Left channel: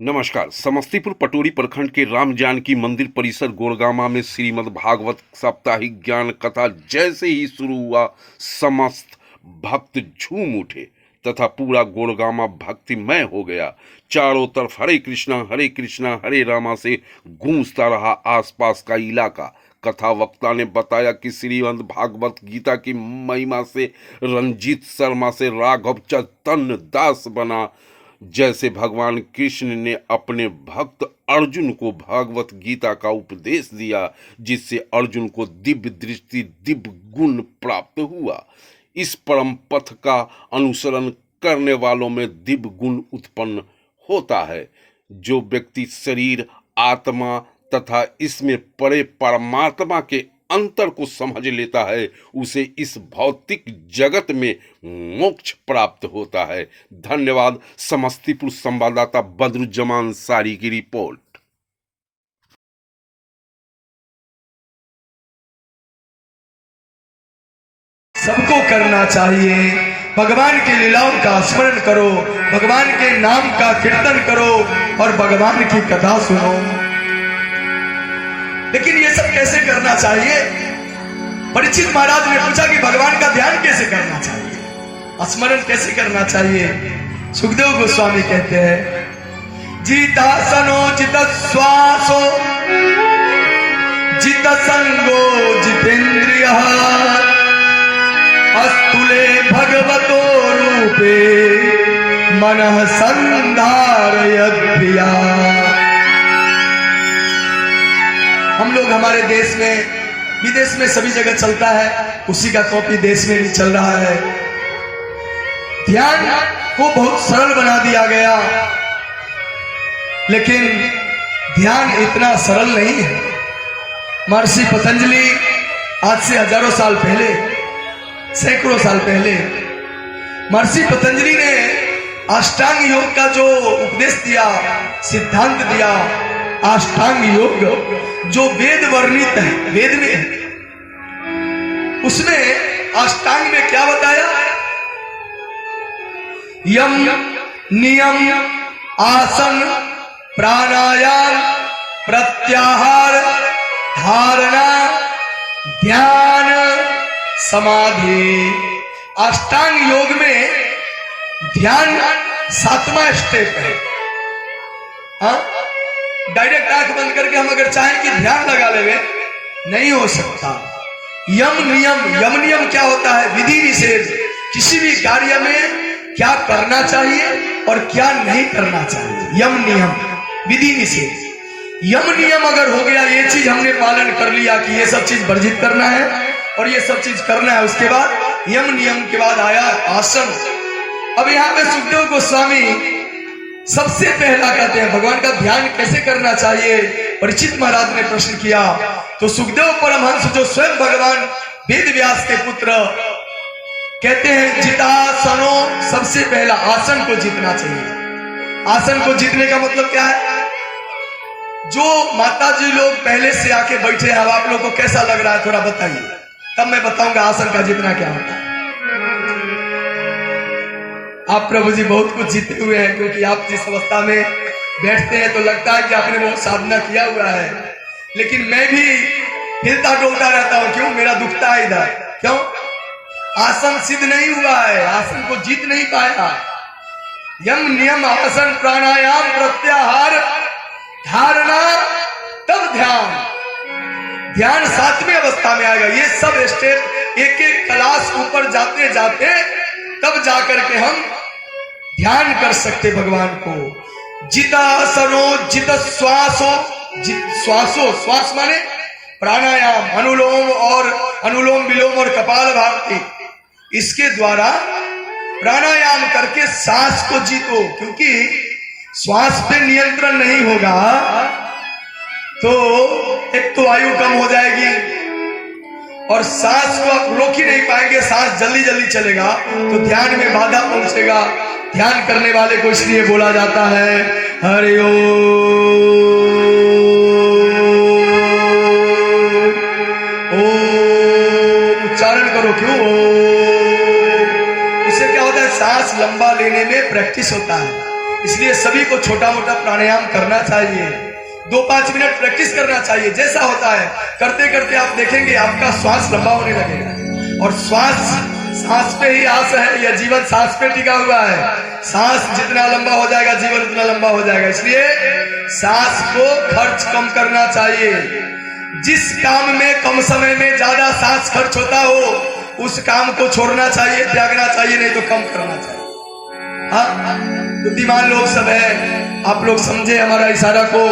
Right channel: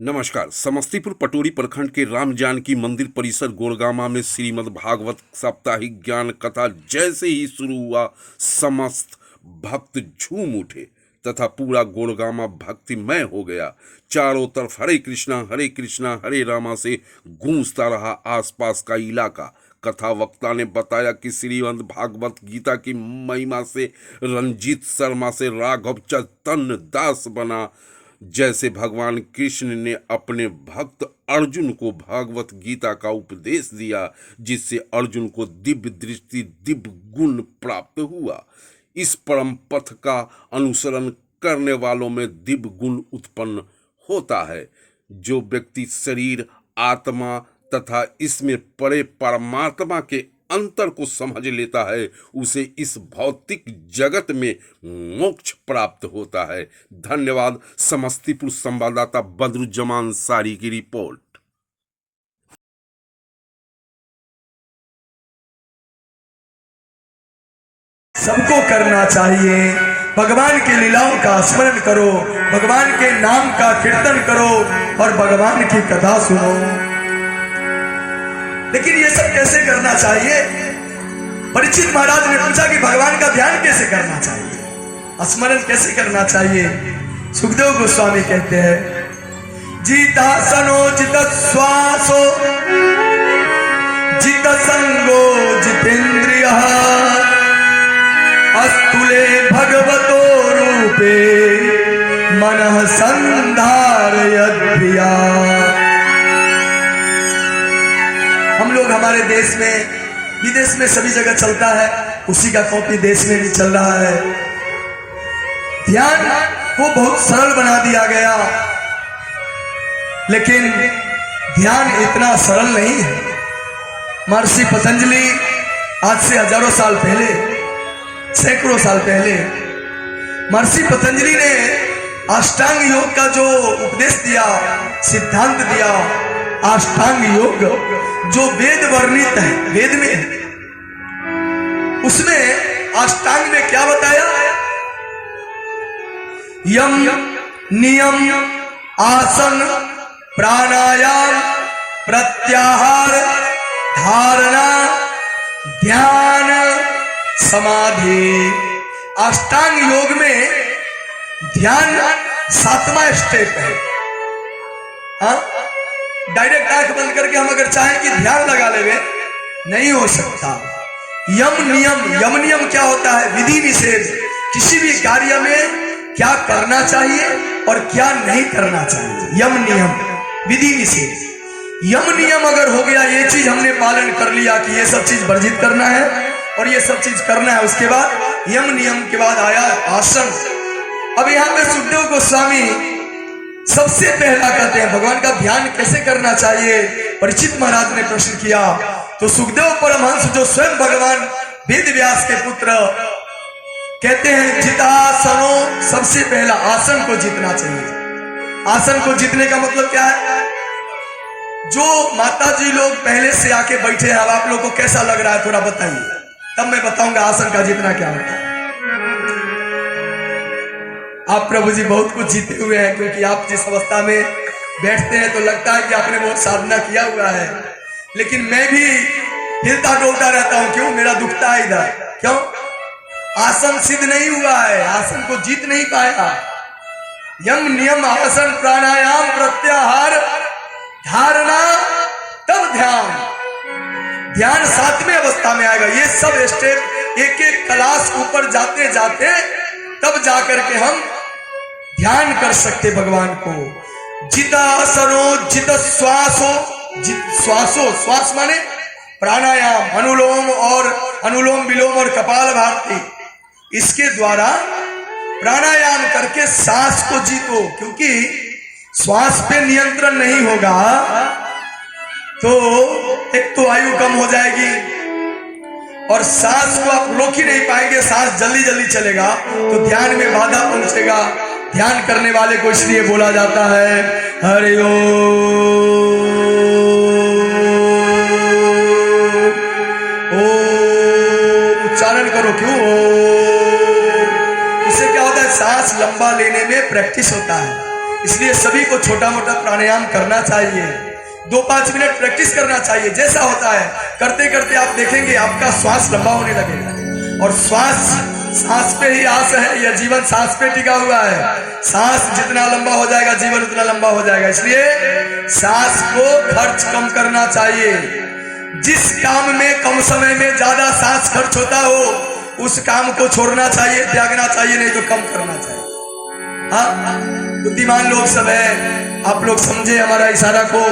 नमस्कार। समस्तीपुर पटोरी प्रखंड के राम जानकी मंदिर परिसर गोड़गामा में श्रीमद् भागवत साप्ताहिक ज्ञान कथा जैसे ही शुरू हुआ, समस्त भक्त झूम उठे तथा पूरा गोड़गामा भक्तिमय हो गया। चारों तरफ हरे कृष्णा हरे रामा से गूंजता रहा आसपास का इलाका। कथा वक्ता ने बताया कि श्रीमद् भागवत गीता की महिमा से रंजीत शर्मा से राघव चैतन्य दास बना। जैसे भगवान कृष्ण ने अपने भक्त अर्जुन को भागवत गीता का उपदेश दिया, जिससे अर्जुन को दिव्य दृष्टि दिव्य गुण प्राप्त हुआ। इस परम पथ का अनुसरण करने वालों में दिव्य गुण उत्पन्न होता है। जो व्यक्ति शरीर, आत्मा तथा इसमें पड़े परमात्मा के अंतर को समझ लेता है, उसे इस भौतिक जगत में मोक्ष प्राप्त होता है। धन्यवाद। समस्तीपुर संवाददाता बदरुज्जमान सारी की रिपोर्ट। सबको करना चाहिए। भगवान की लीलाओं का स्मरण करो, भगवान के नाम का कीर्तन करो और भगवान की कथा सुनो। लेकिन ये सब कैसे करना चाहिए? परीक्षित महाराज ने पूछा कि भगवान का ध्यान कैसे करना चाहिए, स्मरण कैसे करना चाहिए? सुखदेव गोस्वामी कहते हैं, जितासनो जित श्वासो जित संगो जितेन्द्रियः अस्तुले भगवतो रूपे मनः संधारयद्भिया। हम लोग हमारे देश में, विदेश में सभी जगह चलता है, उसी का कॉपी देश में भी चल रहा है। ध्यान को बहुत सरल बना दिया गया, लेकिन ध्यान इतना सरल नहीं है। महर्षि पतंजलि आज से हजारों साल पहले, सैकड़ों साल पहले महर्षि पतंजलि ने अष्टांग योग का जो उपदेश दिया, सिद्धांत दिया, अष्टांग योग जो वेद वर्णित है, वेद में है, उसमें अष्टांग में क्या बताया? यम, नियम, आसन, प्राणायाम, प्रत्याहार, धारणा, ध्यान, समाधि। अष्टांग योग में ध्यान 7वां स्टेप है। हाँ, डायरेक्ट आंख बंद करके हम अगर चाहें कि ध्यान लगा लेंगे, नहीं हो सकता। यम नियम क्या होता है? विधि निषेध। किसी भी कार्य में क्या करना चाहिए और क्या नहीं करना चाहिए, यम नियम, विधि निषेध। यम नियम अगर हो गया, ये चीज हमने पालन कर लिया कि ये सब चीज वर्जित करना है और ये सब चीज करना है, उसके बाद यम नियम के बाद आया आसन। अब यहाँ पे सुखदेव गोस्वामी सबसे पहला कहते हैं भगवान का ध्यान कैसे करना चाहिए। परीक्षित महाराज ने प्रश्न किया तो सुखदेव परमहंस, जो स्वयं भगवान वेद व्यास के पुत्र, कहते हैं जितासनो, सबसे पहला आसन को जीतना चाहिए। आसन को जीतने का मतलब क्या है? जो माता जी लोग पहले से आके बैठे हैं, अब आप लोग को कैसा लग रहा है थोड़ा बताइए, तब मैं बताऊंगा आसन का जीतना क्या होता है। आप प्रभु जी बहुत कुछ जीते हुए हैं, क्योंकि आप जिस अवस्था में बैठते हैं तो लगता है कि आपने बहुत साधना किया हुआ है, लेकिन मैं भी हिलता डोलता रहता हूं। क्यों? मेरा दुखता है इधर। क्यों? आसन सिद्ध नहीं हुआ है, आसन को जीत नहीं पाया। यम नियम, आसन, प्राणायाम, प्रत्याहार, धारणा, तब ध्यान। ध्यान 7वें अवस्था में आएगा। ये सब स्टेप एक एक क्लास ऊपर जाते जाते तब जाकर के हम ध्यान कर सकते भगवान को। जितासनो जित श्वासो, श्वासो, श्वास माने प्राणायाम, अनुलोम विलोम और कपाल भारती। इसके द्वारा प्राणायाम करके सांस को जीतो, क्योंकि श्वास पे नियंत्रण नहीं होगा तो एक तो आयु कम हो जाएगी और सांस को आप रोक ही नहीं पाएंगे, सांस जल्दी जल्दी चलेगा तो ध्यान में बाधा पहुंचेगा। ध्यान करने वाले को इसलिए बोला जाता है हरि ओम। उच्चारण करो। क्यों? उससे क्या होता है? सांस लंबा लेने में प्रैक्टिस होता है। इसलिए सभी को छोटा मोटा प्राणायाम करना चाहिए, 2-5 मिनट प्रैक्टिस करना चाहिए। जैसा होता है करते करते आप देखेंगे आपका श्वास लंबा होने लगेगा। और सांस पे ही आस है, यह जीवन सांस पे टिका हुआ है। सांस जितना लंबा हो जाएगा जीवन उतना लंबा हो जाएगा। इसलिए सांस को खर्च कम करना चाहिए। जिस काम में कम समय में ज्यादा सांस खर्च होता हो उस काम को छोड़ना चाहिए, त्यागना चाहिए, नहीं तो कम करना चाहिए। हाँ, बुद्धिमान लोग सब है, आप लोग समझे हमारा इशारा को।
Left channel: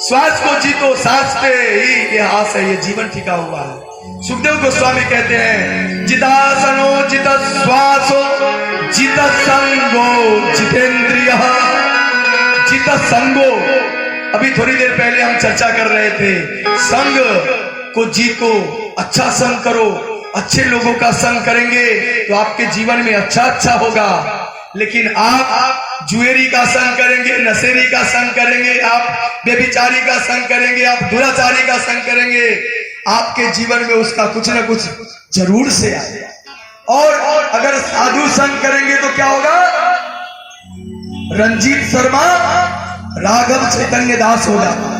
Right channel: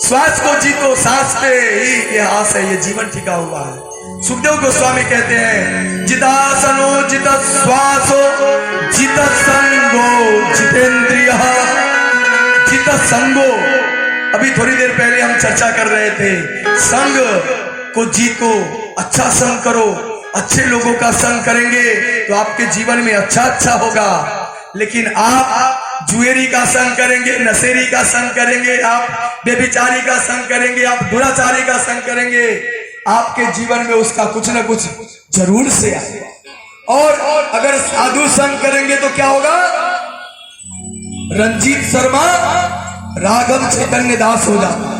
श्वास को जीतो, सांस पे ही ये आस है, ये जीवन टिका हुआ है। सुखदेव गोस्वामी कहते हैं जितासनो जित श्वासो जित संगो जितेंद्रिय जित संगो। अभी थोड़ी देर पहले हम चर्चा कर रहे थे, संग को जीतो, अच्छा संग करो। अच्छे लोगों का संग करेंगे तो आपके जीवन में अच्छा होगा। लेकिन आप जुएरी का संग करेंगे, नशेरी का संग करेंगे, आप बेविचारी का संग करेंगे, आप दुराचारी का संग करेंगे, आपके जीवन में उसका कुछ न कुछ जरूर से आएगा। और अगर साधु संग करेंगे तो क्या होगा? रंजीत शर्मा राघव चैतन्य दास हो जाता।